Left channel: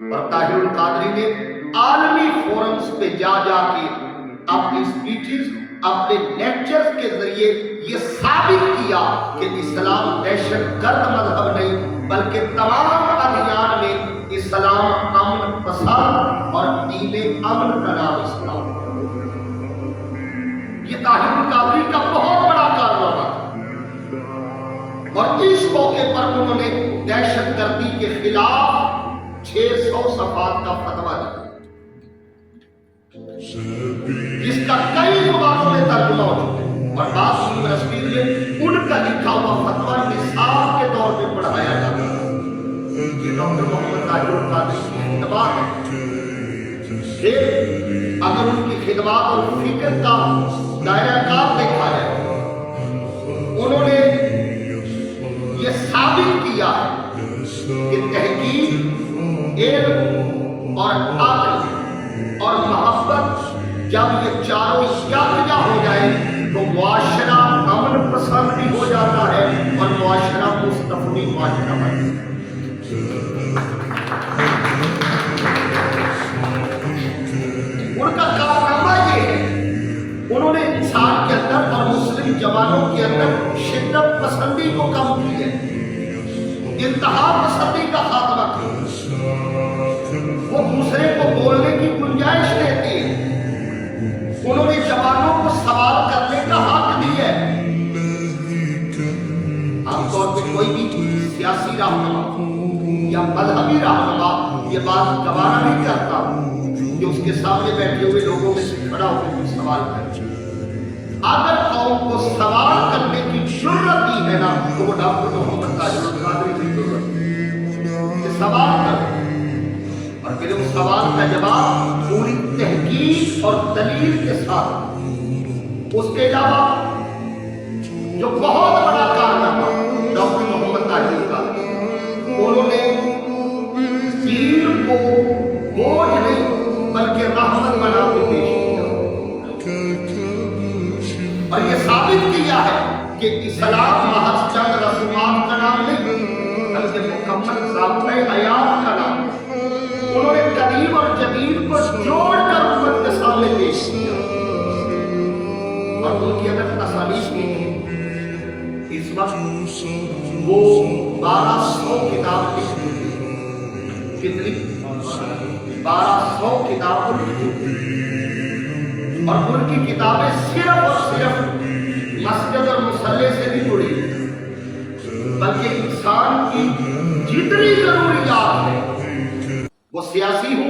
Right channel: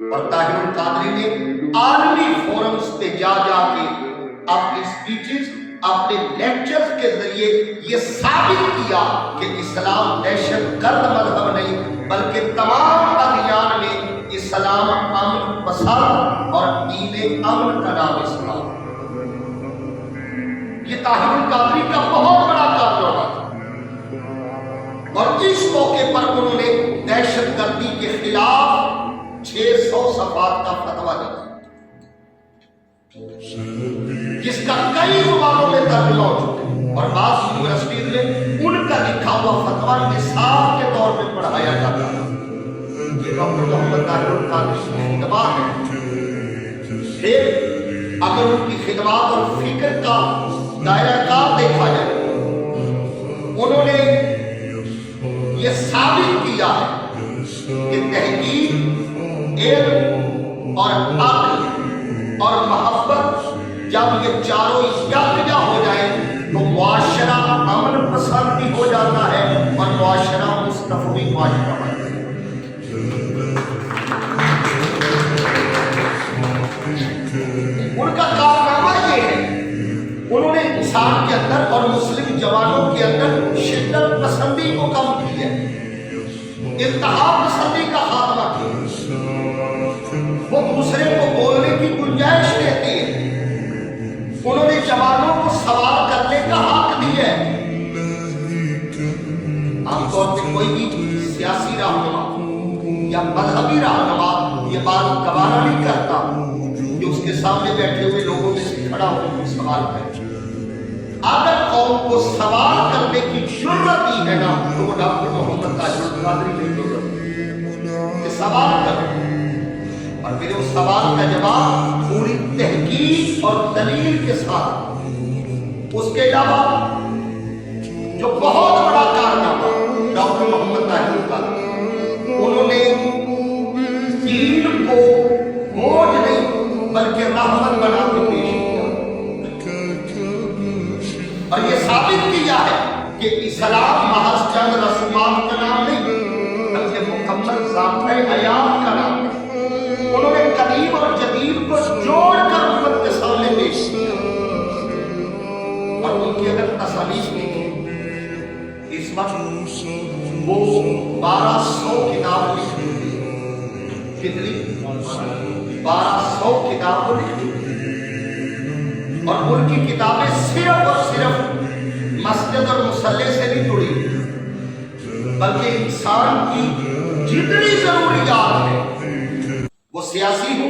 اور طاہر القادری نے عالمی فورمز پہ جا جا کے اپنی سپیچز اپنے لیکچرز کے ذریعے یہ ثابت کیا کہ اسلام دہشت گرد مذہب نہیں بلکہ تمام ادیان میں اسلام امن پسند اور دین امن کا نام اسلام۔ یہ طاہر القادری کا بہت بڑا کارنامہ تھا اور اس موقع پر انہوں نے دہشت گردی کے خلاف 600 صفحات کا فتویٰ دیا جس کا کئی زبانوں میں ترجمہ ہو چکا ہے اور بعض یونیورسٹی میں ان کا لکھا ہوا فتویٰ نصاب کے طور پہ پڑھایا جاتا ہے۔ یہ ڈاکٹر محمد طاہر القادری کی خدمات ہے۔ پھر اگر ان کی خدمات اور فکر کا دائرہ کار دیکھا جائے انہوں نے یہ ثابت کیا ہے کہ تحقیق، علم اور عقل اور محبت جب یہ چاروں یکجا ہو جائے تو معاشرہ امن پسند بھی ہو جاتا ہے اور معاشرہ مستفی معاشرہ بن جاتا ہے۔ ان کا کارنامہ یہ ہے انہوں نے انسان کے اندر اور مسلم جوانوں کے اندر شدت پسندی کو کم کیا، انتہا پسندی کا خاتمہ کیا۔ وہ دوسرے کو بولنے کی گنجائش رہتی ہے، انہوں نے جوانوں کو سوال کرنے کا حق دیا ہے۔ عام طور پہ کوئی بھی سیاسی رہنما یا مذہبی رہنما یہ بات گوارا نہیں کرتا کہ اس کے سامنے بیٹھے ہوئے لوگوں میں سے کھڑا ہو کے سوال کرے۔ اگر قوم کو سوال کرنے کی جرت دی ہے نا تو وہ ڈاکٹر محمد طاہر القادری کی ضرورت ہے۔ سوال کرے اور پھر اس سوال کا جواب پوری تحقیق اور دلیل کے ساتھ۔ اس کے علاوہ جو بہت بڑا کارنامہ ڈاکٹر محمد طاہر القادری، انہوں نے دین کو بوجھ نہیں بلکہ رحمت بنا کے پیش کیا اور یہ ثابت کیا ہے کہ اسلام محض چند رسومات کا نام نہیں بلکہ مکمل ضابطۂ حیات کا نام ہے۔ انہوں نے قدیم اور جدید کو جوڑ کر امت کے سامنے پیش کیا اور ان کی اگر تصانیف کی اس وقت وہ 1200 کتاب لکھ چکی ہے۔ کتنی؟ 1200 کتاب لکھ چکی ہے اور ان کی کتابیں صرف اور صرف مسجد اور مصلی سے نہیں جڑی بلکہ انسان کی جتنی ضروریات ہیں وہ سیاسی ہو،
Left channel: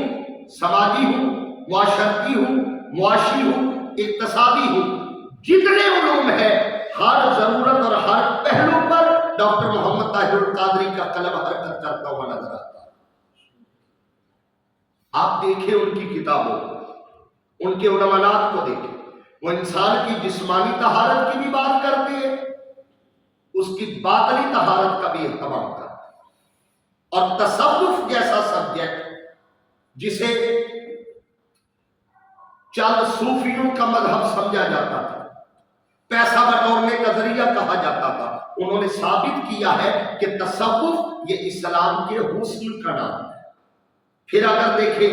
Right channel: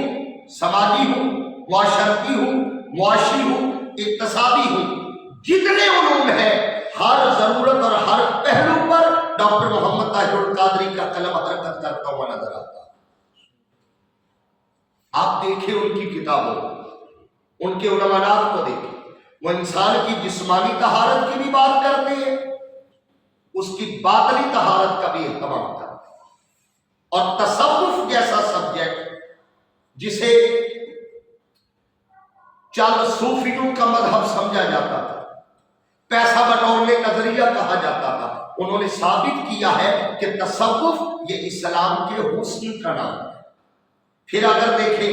سماجی ہو، معاشرتی ہو، معاشی ہو، اقتصادی ہو، جتنے علوم ہیں ہر ضرورت اور ہر پہلو پر ڈاکٹر محمد طاہر القادری کا قلم حرکت کرتا ہوا نظر آتا ہے۔ آپ دیکھیں ان کی کتابوں، ان کے عنوانات کو دیکھیں، وہ انسان کی جسمانی طہارت کی بھی بات کرتے ہیں، اس کی باطنی طہارت کا بھی اہتمام کرتے ہیں۔ اور تصوف جیسا سبجیکٹ جسے چند صوفیوں کا مذہب سمجھا جاتا تھا، پیسہ بٹورنے کا ذریعہ کہا جاتا تھا، انہوں نے ثابت کیا ہے کہ تصوف یہ اسلام کے حسن کا نام ہے۔ پھر اگر دیکھیں